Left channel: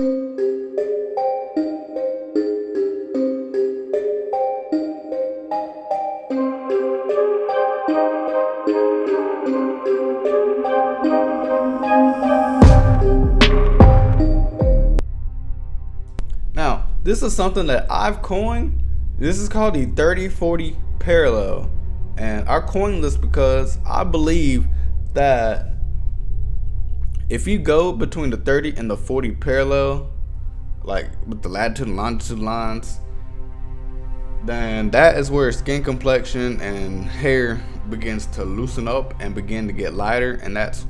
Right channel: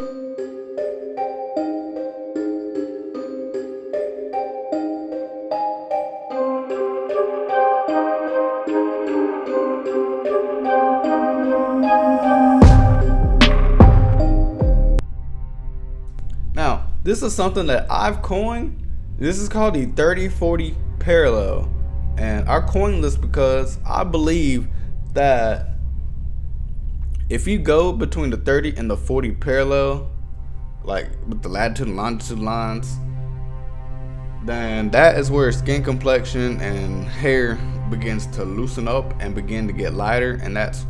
Now, this is something that I've coined. This is called the 30-40 parallel. And I coined this because I believe that if you go between the 30 and the 40 parallel, like with the latitude and longitude lines, then that is where skin complexion and hair begins to loosen up and begin to get lighter. And that's,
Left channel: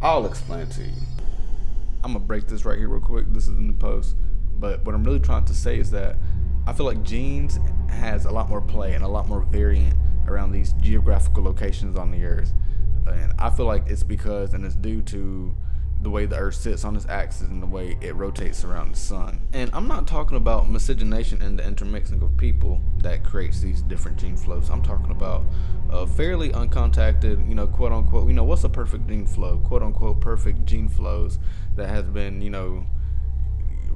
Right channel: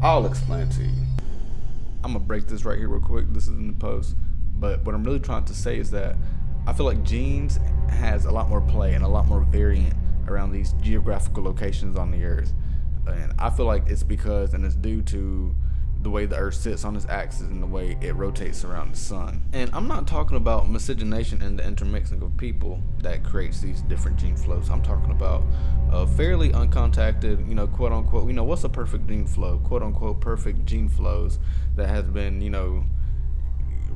I'll explain it to you. I'm gonna break this right here real quick. This is in the post. But what I'm really trying to say is that I feel like genes has a lot more play and a lot more variant around these geographical locations on the earth. And I feel like it's because, and it's due to the way the earth sits on its axis and the way it rotates around the sun. And I'm not talking about miscegenation and the intermixing of people that creates these different gene flows. I'm talking about fairly uncontacted, quote unquote, what's a perfect gene flow, quote unquote, perfect gene flows that has been,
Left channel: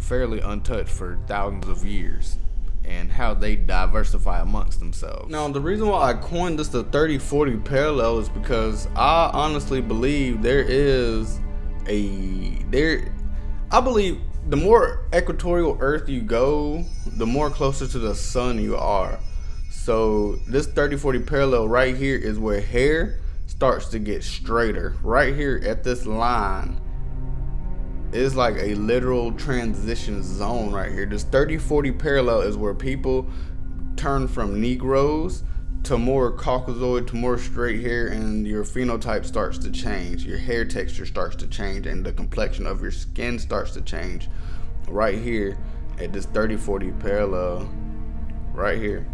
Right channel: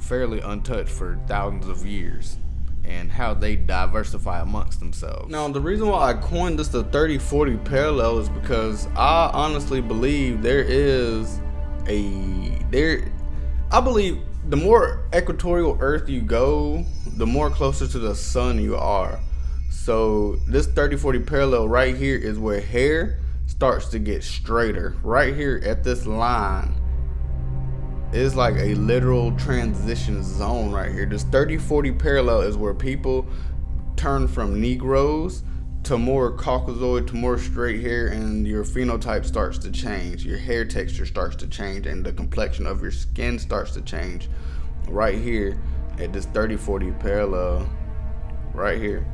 fairly untouched for thousands of years, and how they diversify amongst themselves. Now, the reason why I coined this the 30-40 parallel is because I honestly believe I believe the more equatorial Earth you go, the more closer to the sun you are. So this 30-40 parallel right here is where hair starts to get straighter. Right here at this line is like a literal transition zone right here. This 30-40 parallel is where people turn from Negroes to more Caucasoid to more straight hair, and your phenotype starts to change. Your hair texture starts to change, and the complexion of your skin starts to change right here at this 30-40 parallel right here.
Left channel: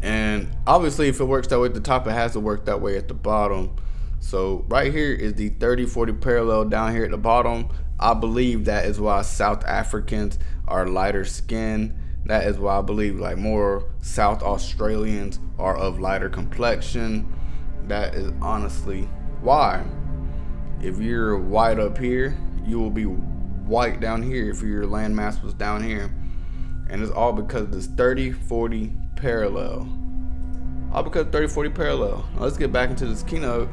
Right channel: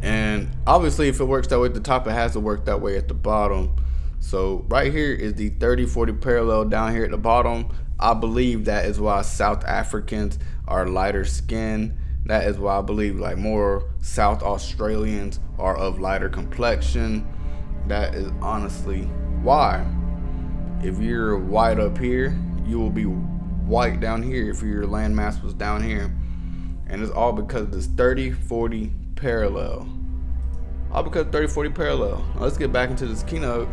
And obviously, if it works that way at the top, it has to work that way at the bottom. So right here is the 30-40 parallel down here at the bottom. I believe that is why South Africans are lighter skinned. That is why I believe like more South Australians are of lighter complexion. That is honestly why. If you're white up here, you will be white down here if your landmass was down here. And it's all because of this 30-40 parallel. All because of 30-40 parallel. Now let's get back into this keynote.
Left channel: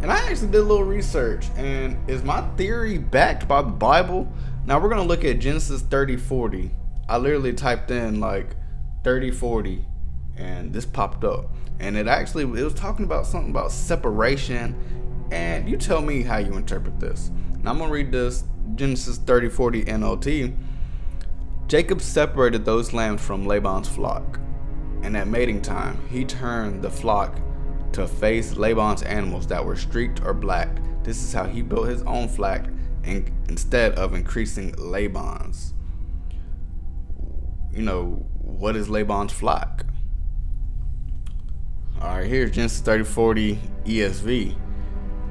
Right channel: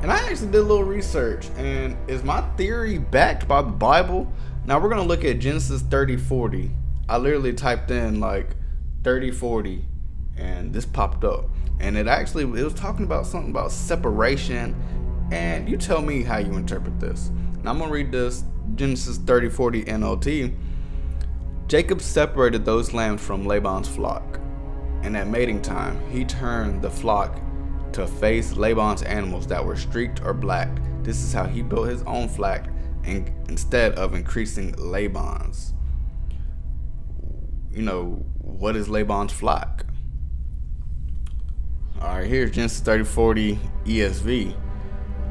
And I actually did a little research, and is my theory backed by the Bible? Now we're gonna look at Genesis 30-40. I literally typed in like 30-40 and this popped up. And it was talking about something about separation, and you tell me how you interpret this. Now I'm gonna read this Genesis 30-40 NLT. Jacob separated those lambs from Laban's flock, and at mating time he turned the flock to face Laban's animals that were streaked or black. This is how he built his own flock instead of increasing Laban's. What is Laban's flock? Alright, here's Genesis 30-40 ESV.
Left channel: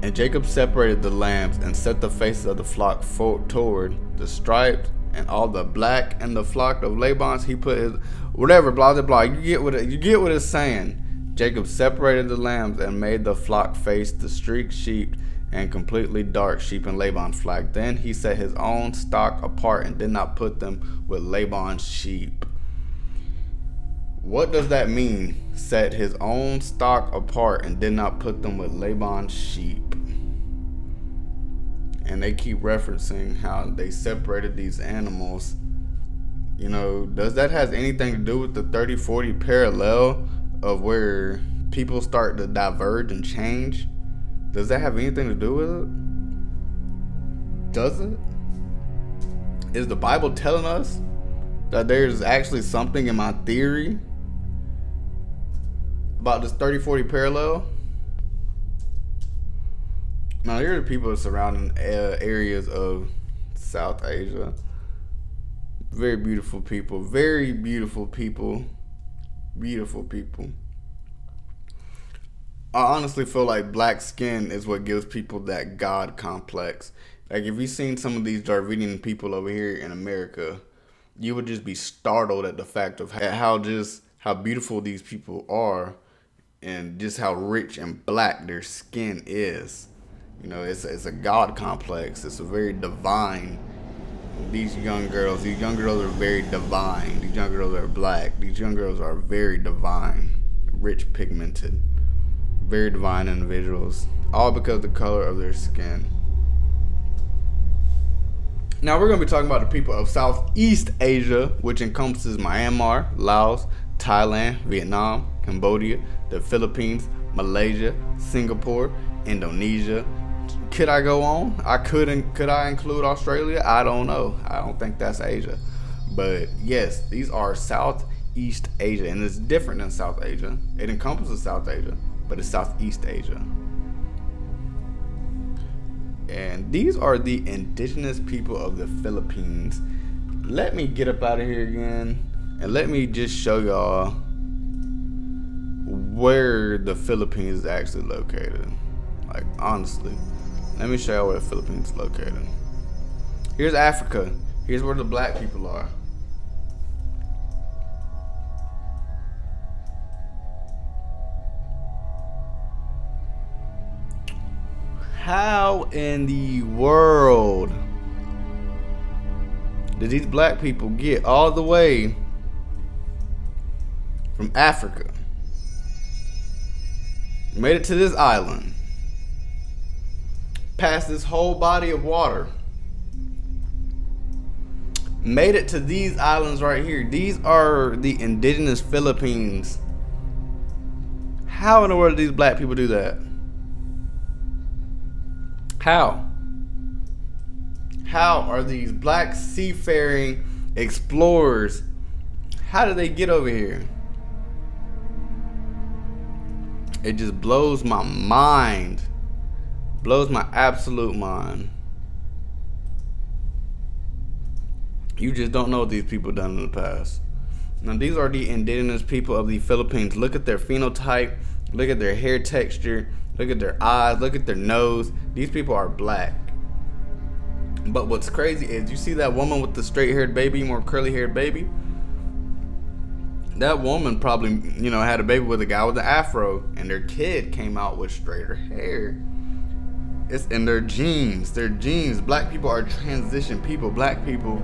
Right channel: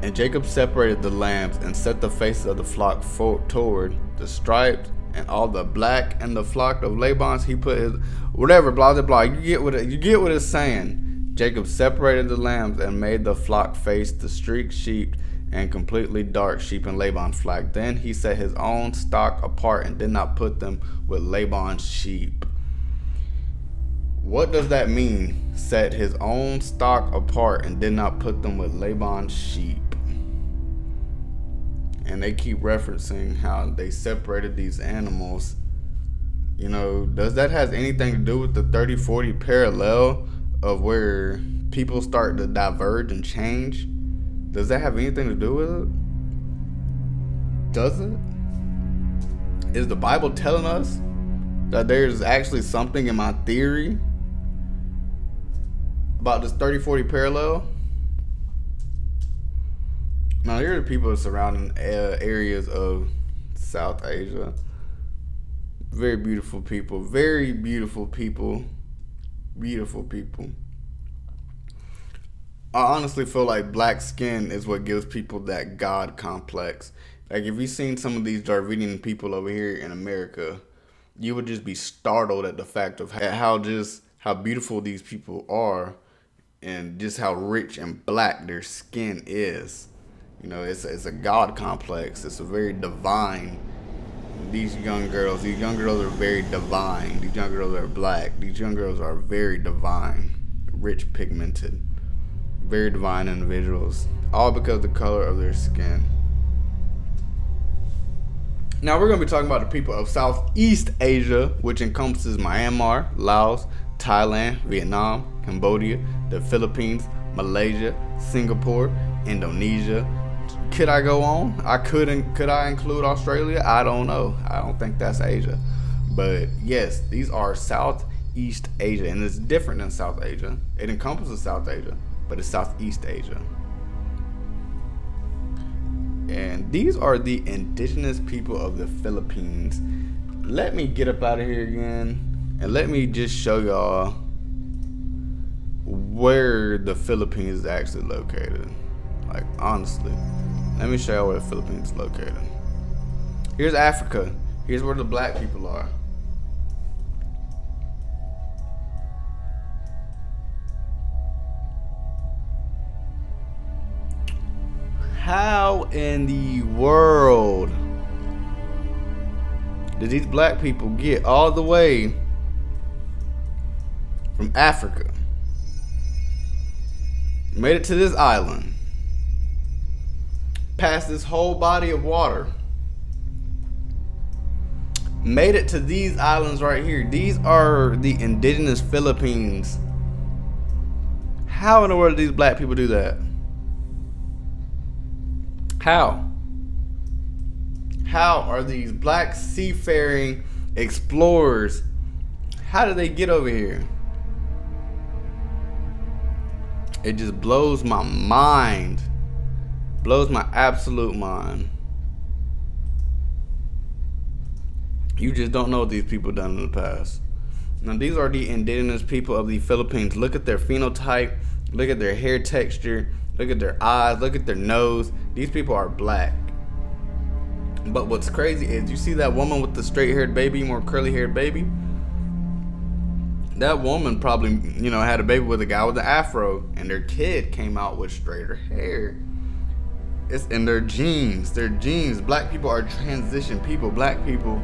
And Jacob separated the lambs and set the faces of the flock toward the striped and all the black, and the flock of Laban's he put his whatever, blah blah blah. You get what it's saying. Jacob separated the lambs and made the flock face the streaked sheep and completely dark sheep in Laban's flock. Then he set his own stock apart and did not put them with Laban's sheep. What does that mean? Set his own stock apart and did not put them with Laban's sheep. And they keep referencing how they separated these animals. Does that have anything to do with the 30-40 parallel of where people start to diverge and change? Does that have anything to do with it? Does it? Is the Bible telling us that there's actually something in my theory about this 30-40 parallel? Now, here are the people surrounding areas of South Asia. Very beautiful people. Very beautiful people. Beautiful people. I honestly feel like black skin is what gives people that God complex. Like, if you've seen some of these Darwinian people over here in America, you would just be startled at the fact of how beautiful these people are, and just how rich and black their skin is. You know, it's a god complex. It's a very divine. These young girls are very divine. These young girls are black. These young girls are very divine, rich pigmented, very divine individuals, all because of the color of their skin. Now we're going to be talking about the people of Southeast Asia, which encompasses Myanmar, Laos, Thailand, Vietnam, Cambodia, the Philippines, Malaysia, Singapore, Indonesia. Could I go on? Could I include Australia? I don't know. I don't think that's Asia. But yes, these are Southeast Asia, and it's different than South Asia. It encompasses South Asia, but it's Southeast Asia. And these are the indigenous people of the Philippines. Let me get up out of here again, and let me just show y'all where the Philippines is actually located. Like, honestly, let me show y'all where the Philippines is located. Here's Africa. Here's where the black people are. How in the world did these black people get all the way from Africa, made it to this island, past this whole body of water, made it to these islands right here? These are the indigenous Philippines. How in the world did these black people do that? How? How are these black seafaring explorers, how did they get over here? It just blows my mind. Blows my absolute mind. You just don't know what these people done in the past. Now, these are the indigenous people of the Philippines. Look at their phenotype. Look at their hair texture. Look at their eyes. Look at their nose. These people are black. But what's crazy is, you see that woman with the straight-haired baby, more curly-haired baby? That woman probably, had a baby with a guy with an afro, and their kid came out with straighter hair. It's in their genes. Their genes. Black people are transition people. Black people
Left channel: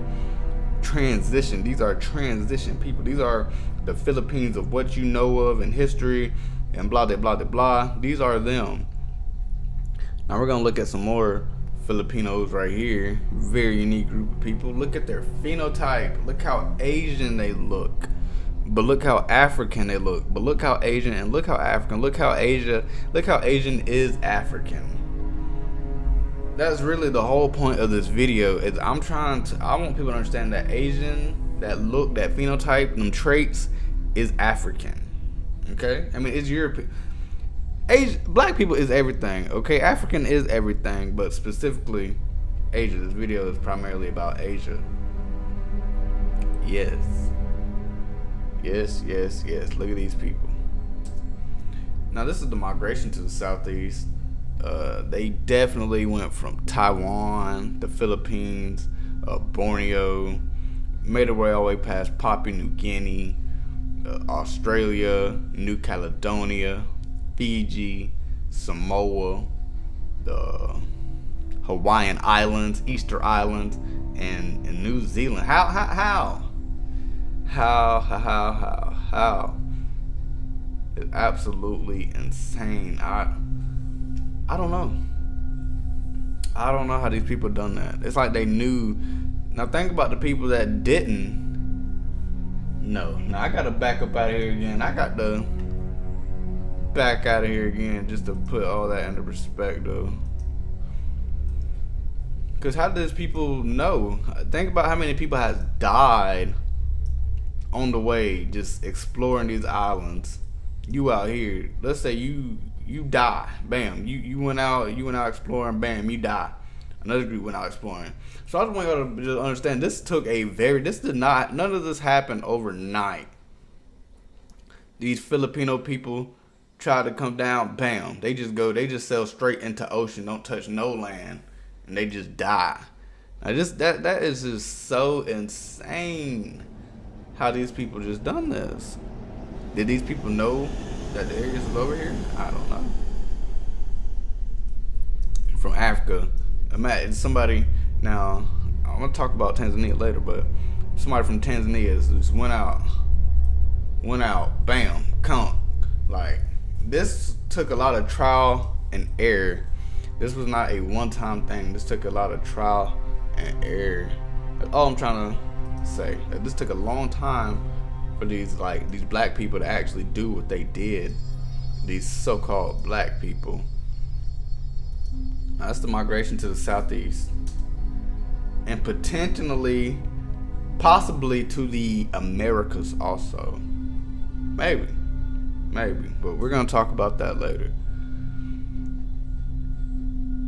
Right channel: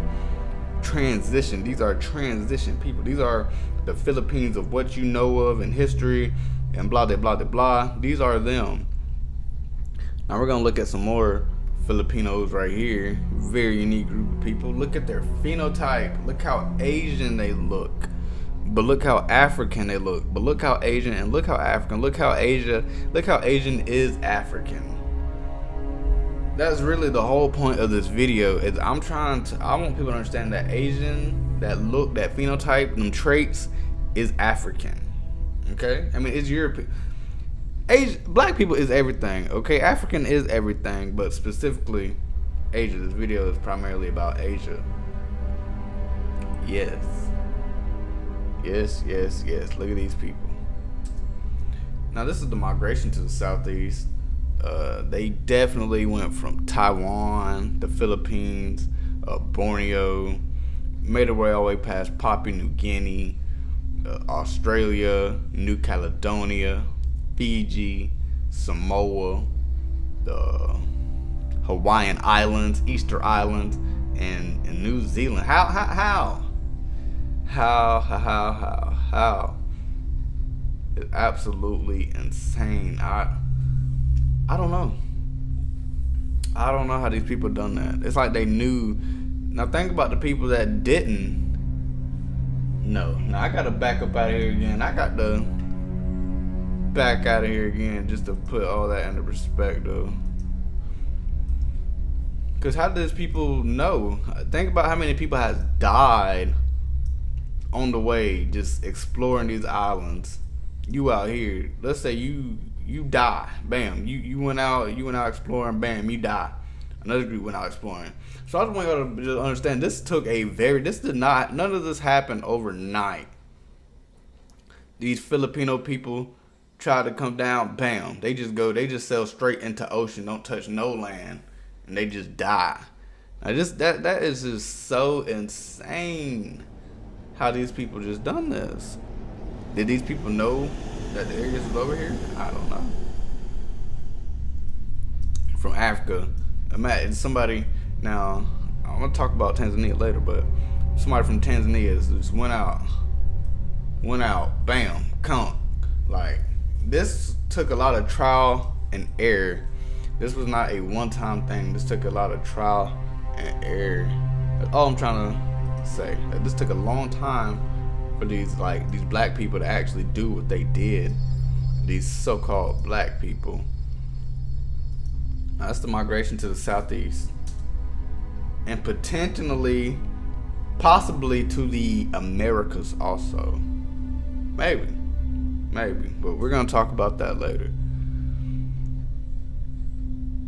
transition. These are transition people. These are the Philippines of what you know of in history and blah, blah, blah, blah. These are them. Now we're going to look at some more Filipinos right here. Very unique group of people. Look at their phenotype. Look how Asian they look. But look how African they look. But look how Asian, and look how African. Look how Asian is African. That's really the whole point of this video. Is I want people to understand that Asian, that look, that phenotype, them traits is African. Okay? I mean, it's European. Black people is everything, okay? African is everything, but specifically Asia. This video is primarily about Asia. Yes. Yes, yes, yes. Look at these people. Now, this is the migration to the Southeast. They definitely went from Taiwan, the Philippines, Borneo, made their way all the way past Papua New Guinea, Australia, New Caledonia, Fiji, Samoa, the Hawaiian Islands, Easter Islands, and New Zealand. How? It's absolutely insane. I don't know. I don't know how these people done that. It's like they knew. Now think about the people that didn't know. Now I gotta back up out of here again. I got to back out of here again just to put all that into perspective. Because how does people know? Think about how many people has died on the way just exploring these islands. You out here, let's say you die, bam, you went out exploring, bam, you die. Another group went out exploring. So I just want y'all to just understand, none of this happened overnight. These Filipino people try to come down, bam, they just sail straight into ocean, don't touch no land, and they just die. Now that is just so insane how these people just done this. Did these people know that the areas was over here? I don't know. from Africa. Imagine somebody. Now I'm gonna talk about Tanzania later, but somebody from Tanzania just went out, bam, come. Like, this took a lot of trial and error. This was not a one-time thing. This took a lot of trial and error. That's all I'm trying to say. This took a long time for these black people to actually do what they did. These so-called black people. Now, that's the migration to the southeast, and possibly to the Americas also. Maybe, but we're gonna talk about that later.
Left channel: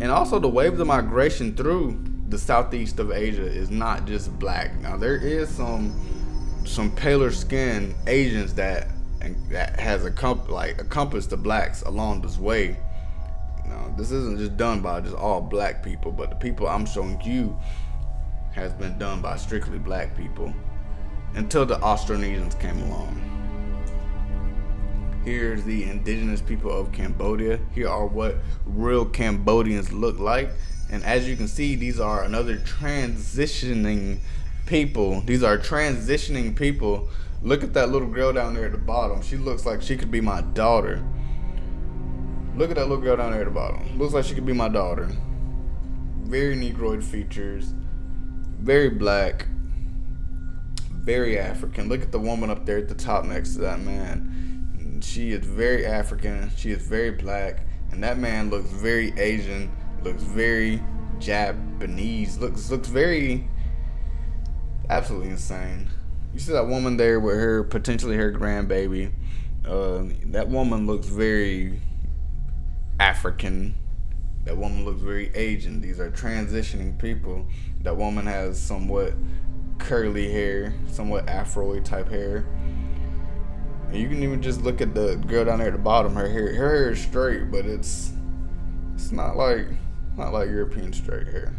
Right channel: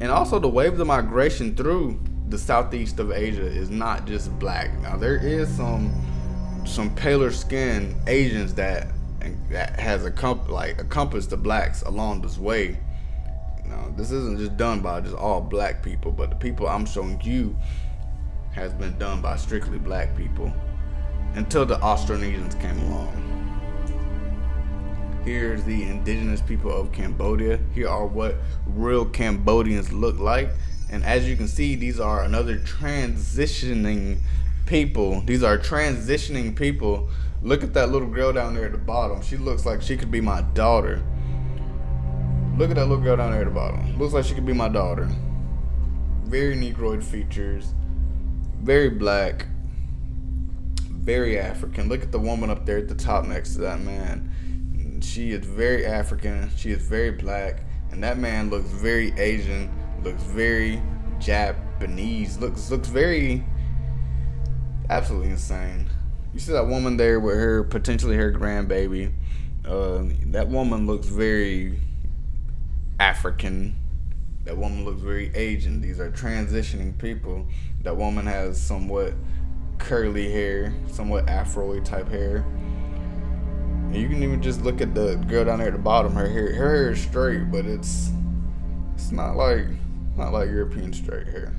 And also, the waves of migration through the southeast of Asia is not just black. Now, there is some paler skinned Asians that has encompassed the blacks along this way. Now, this isn't just done by just all black people, but the people I'm showing you has been done by strictly black people until the Austronesians came along. Here's the indigenous people of Cambodia. Here are what real Cambodians look like. And as you can see, these are another transitioning people. These are transitioning people. Look at that little girl down there at the bottom. She looks like she could be my daughter. Look at that little girl down there at the bottom. Looks like she could be my daughter. Very Negroid features. Very black. Very African. Look at the woman up there at the top next to that man. She is very African. She is very black. And that man looks very Asian. Looks very Japanese. Looks very absolutely insane. You see that woman there with her potentially her grandbaby. That woman looks very African. That woman looks very Asian. These are transitioning people. That woman has somewhat curly hair, somewhat Afro-y type hair. And you can even just look at the girl down there at the bottom. Her hair is straight, but it's not like European straight hair.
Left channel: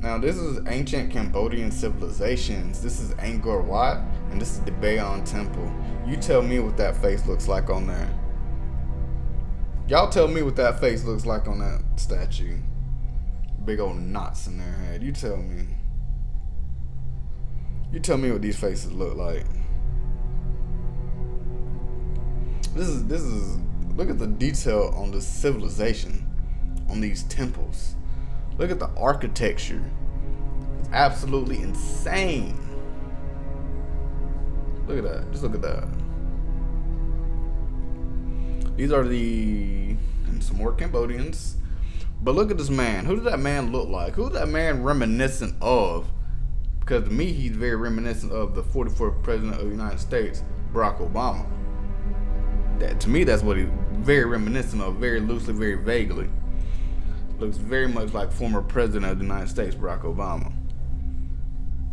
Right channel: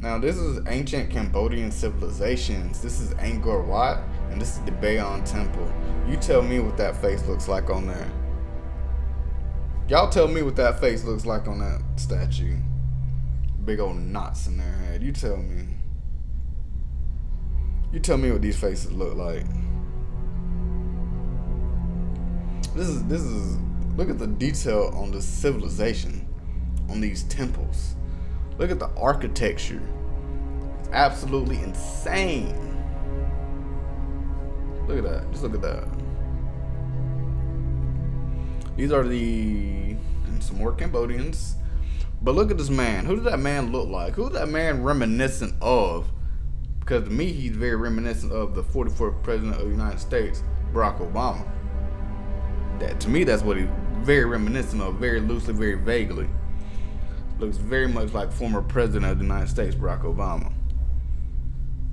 Now, this is ancient Cambodian civilizations. This is Angkor Wat, and this is the Bayon Temple. You tell me what that face looks like on there. Y'all tell me what that face looks like on that statue. Big old knots in their head. You tell me. You tell me what these faces look like. This is look at the detail on the civilization, on these temples. Look at the architecture. It's absolutely insane. Look at that. Just look at that. These are and some more Cambodians. But look at this man. Who does that man look like? Who's that man reminiscent of? Because to me, he's very reminiscent of the 44th President of the United States, Barack Obama. To me, that's what he's very reminiscent of, very loosely, very vaguely. Looks very much like former President of the United States, Barack Obama.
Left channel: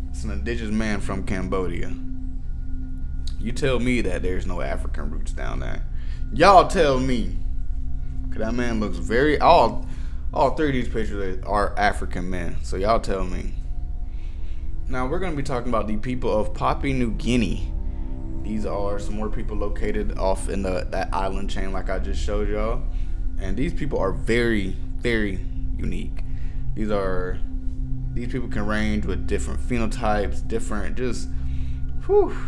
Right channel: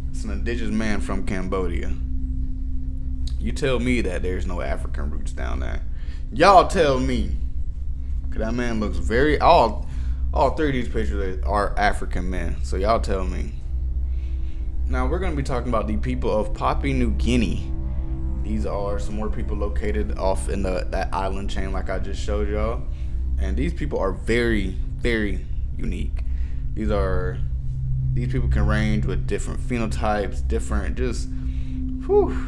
It's an indigenous man from Cambodia. You tell me that there's no African roots down there. Y'all tell me. Because that man looks all three of these pictures are African men. So y'all tell me. Now we're going to be talking about the people of Papua New Guinea. These are some more people located off in that island chain like I just showed y'all. And these people are very, very unique. These people can range with different phenotypes,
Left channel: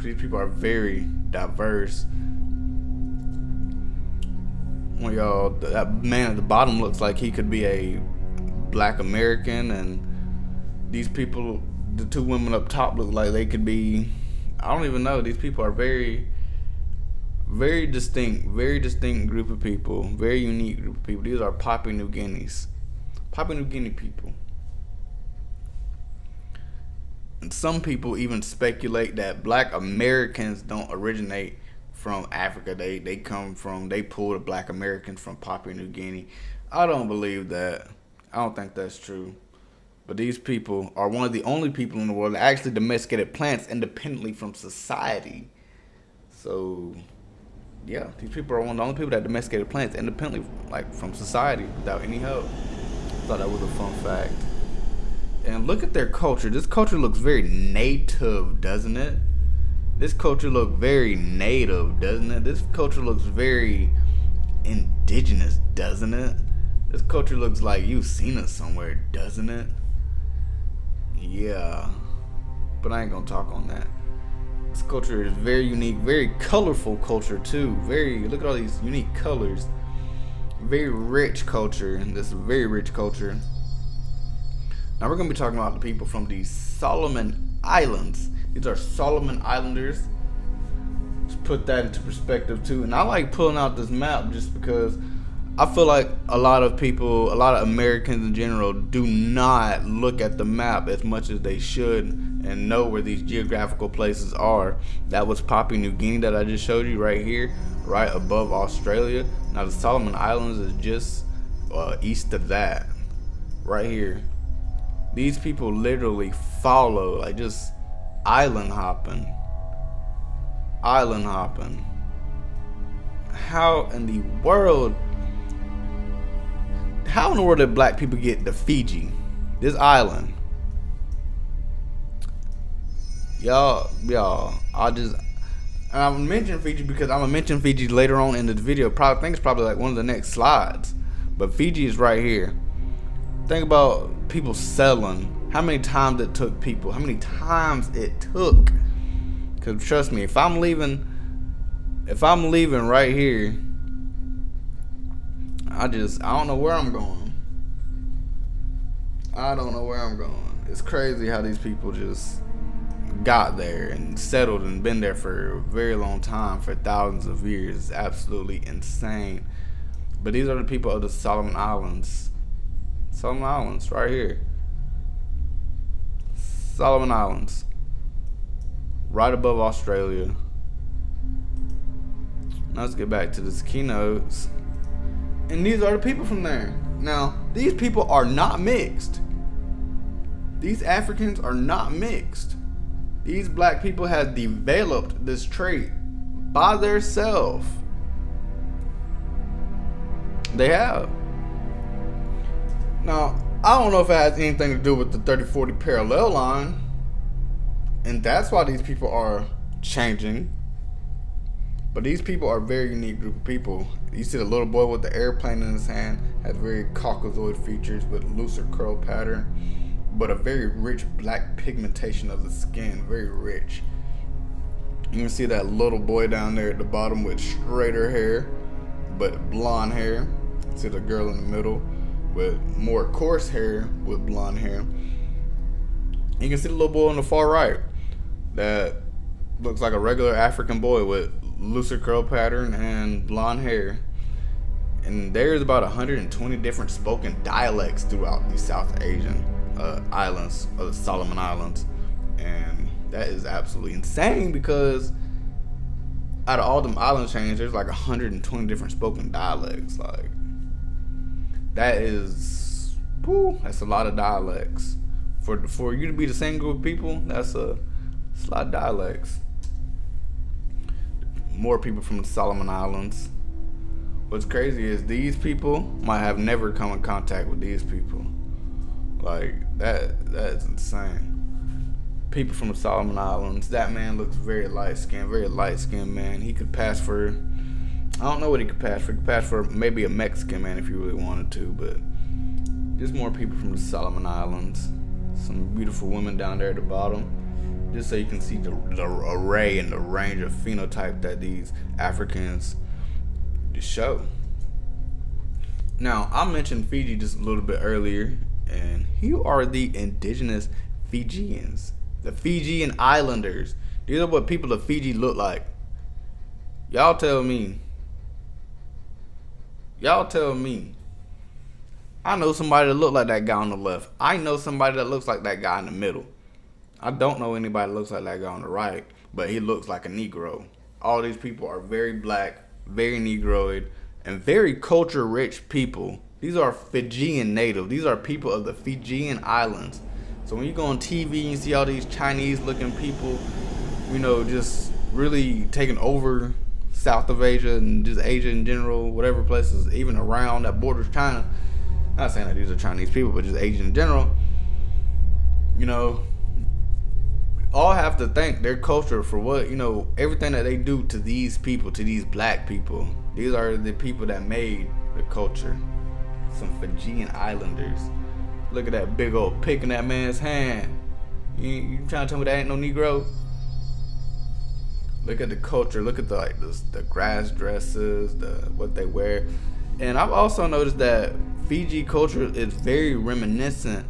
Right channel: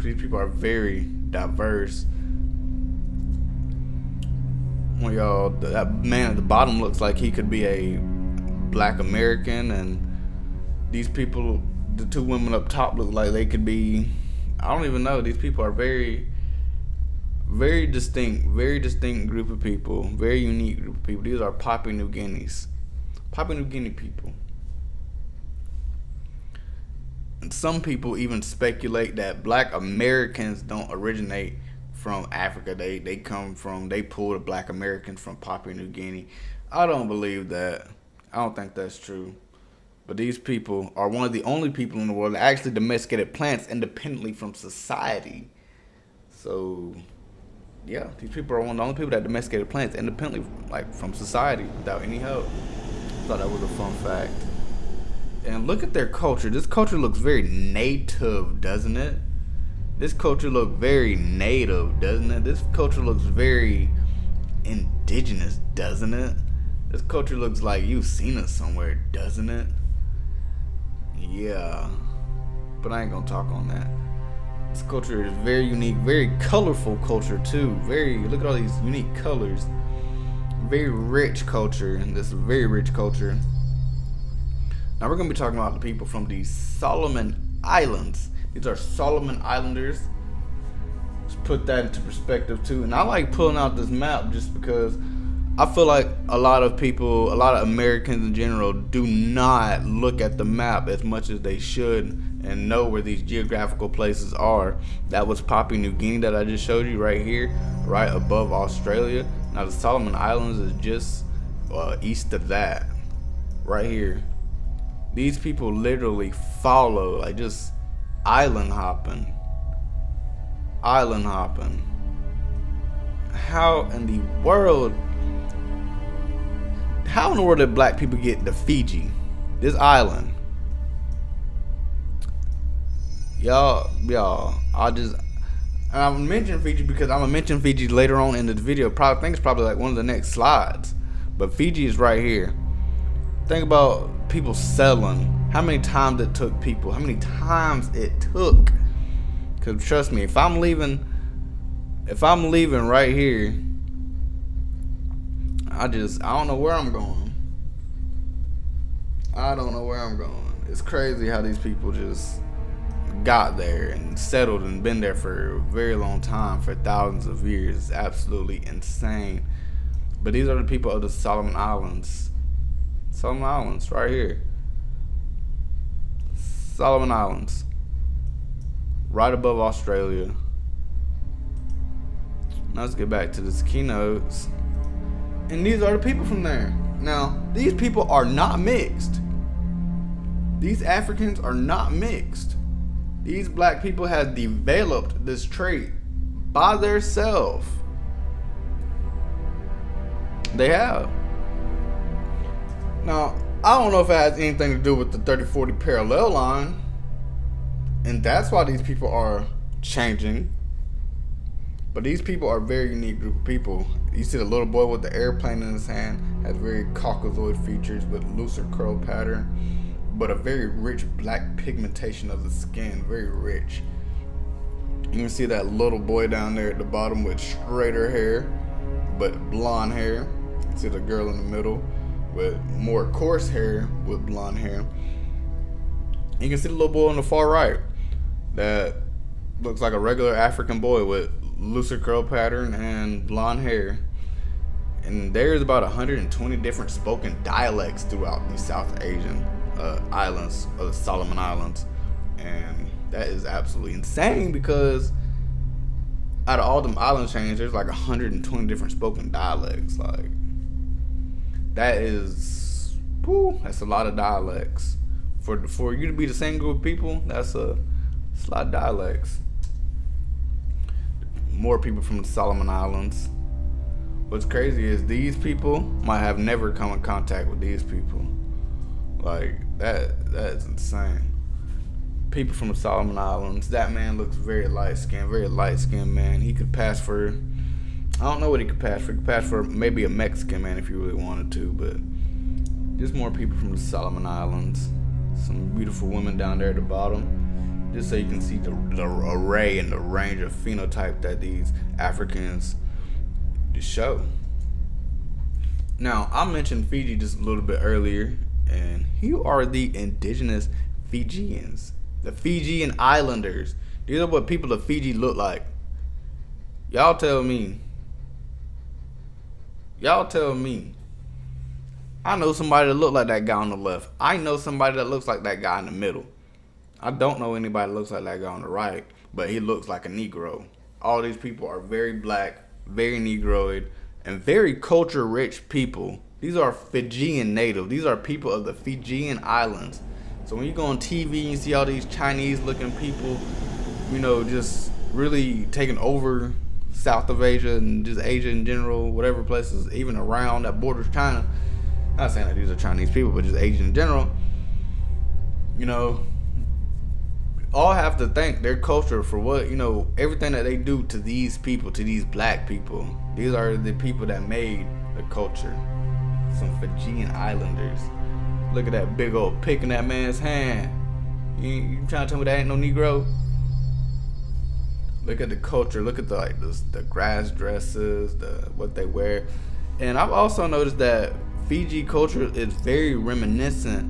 these people are very diverse. Well, y'all, that man at the bottom looks like he could be a black American, and these people, the two women up top look like they could be, I don't even know. These people are very, very distinct group of people, very unique group of people. These are Papua New Guinea people. And some people even speculate that black Americans don't originate from Africa. They pull the black Americans from Papua New Guinea. I don't believe that. I don't think that's true. But these people are one of the only people in the world that actually domesticated plants independently from society. So, yeah, these people are one of the only people that domesticated plants independently, from society without any help. I thought that was a fun fact. And look at their culture. This culture looks very native, doesn't it? This culture looks very native, doesn't it? This culture looks very indigenous, doesn't it? This culture looks like you've seen it somewhere, doesn't it? Yeah. But I ain't gonna talk on that. This culture is very unique, very colorful culture too. Look at all these unique colors. Very rich culture. This is a very rich culture. Now we're gonna be talking about the people from the Solomon Islands. These are Solomon Islanders. Let's put that into perspective too. And I like pulling out this map just because I feel like a lot of people, a lot of Americans in general, do not look at the map as much as they should and know where these geographical places are. That was Papua New Guinea that I just showed you right here, right above Australia. Now the Solomon Islands is just east of that, right here. These people literally follow, like just island hopping. Island hopping. How in the world did black people get to Fiji? This island. Y'all, I'm mentioning Fiji because I'm gonna mention Fiji later on in the video. I think it's probably like one of the next slides. But Fiji is right here. Think about people selling. How many times it took people? How many times it took? Cause trust me, if I'm leaving right here, I don't know where I'm going. I don't know where I'm going. It's crazy how these people just got there and settled and been there for a very long time, for thousands of years. It's absolutely insane. But these are the people of the Solomon Islands. Solomon Islands, right here. Solomon Islands. Right above Australia. Now let's get back to this keynotes. And these are the people from there. Now, these people are not mixed. These Africans are not mixed. These black people have developed this trait by themselves. They have. Now, I don't know if it has anything to do with the 3040 parallel line. And that's why these people are changing. But these people are a very unique group of people. You see the little boy with the airplane in his hand has very Caucasoid features with looser curl pattern, but a very rich black pigmentation of the skin, very rich. You can see that little boy down there at the bottom with straighter hair, but blonde hair. You see the girl in the middle with more coarse hair with blonde hair. You can see the little boy on the far right that looks like a regular African boy with looser curl pattern and blonde hair. And there's about 120 different spoken dialects throughout the South Asian islands, of the Solomon Islands. And that is absolutely insane because out of all them island chains, there's like 120 different spoken dialects. Like, that is, that's a lot of dialects. For you to be the same group of people, that's a lot of dialects. More people from the Solomon Islands. What's crazy is these people might have never come in contact with these people. Like, that's insane. People from the Solomon Islands. That man looks very light-skinned man. He could pass for, I don't know what he could pass for. He could pass for maybe a Mexican man if you really wanted to, but there's more people from the Solomon Islands. Some beautiful women down there at the bottom. Just so you can see the array and the range of phenotype that these Africans show. Now, I mentioned Fiji just a little bit earlier, and here are the indigenous Fijians, the Fijian Islanders. These are what people of Fiji look like. Y'all tell me. I know somebody that look like that guy on the left. I know somebody that looks like that guy in the middle. I don't know anybody that looks like that guy on the right, but he looks like a Negro. All these people are very black, very Negroid, and very culture-rich people. These are Fijian native. These are people of the Fijian Islands. So when you go on TV and you see all these Chinese-looking people, just really taking over South of Asia and just Asia in general, whatever places, even around that borders China. Not saying that these are Chinese people, but just Asian in general. All have to thank their culture for what, everything that they do to these people, to these black people. These are the people that made the culture. some Fijian islanders. Look at that big old pick in that man's hand. You trying to tell me that ain't no Negro? Look at the culture. Look at the grass dresses, what they wear. And I've also noticed that Fiji culture is very reminiscent.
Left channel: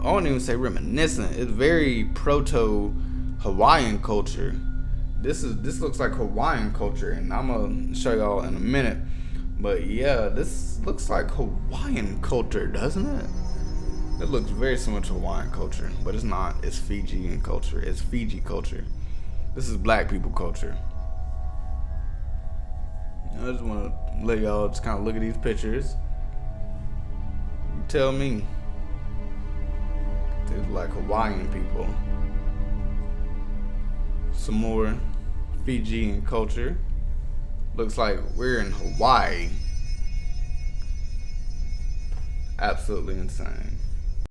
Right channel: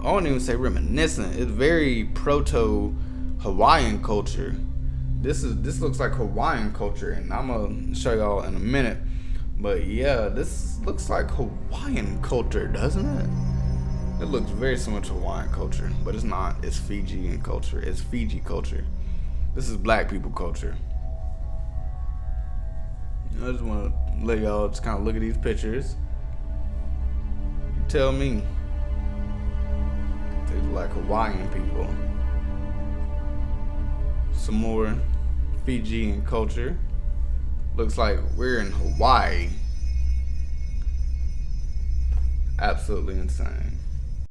I won't even say reminiscent. It's very proto Hawaiian culture. This looks like Hawaiian culture, and I'm gonna show y'all in a minute. But yeah, this looks like Hawaiian culture, doesn't it? It looks very similar to Hawaiian culture, but it's not. It's Fijian culture. It's Fiji culture. This is black people culture. I just want to let y'all just kind of look at these pictures. You tell me. They look like Hawaiian people. Some more Fijian culture. Looks like we're in Hawaii. Absolutely insane.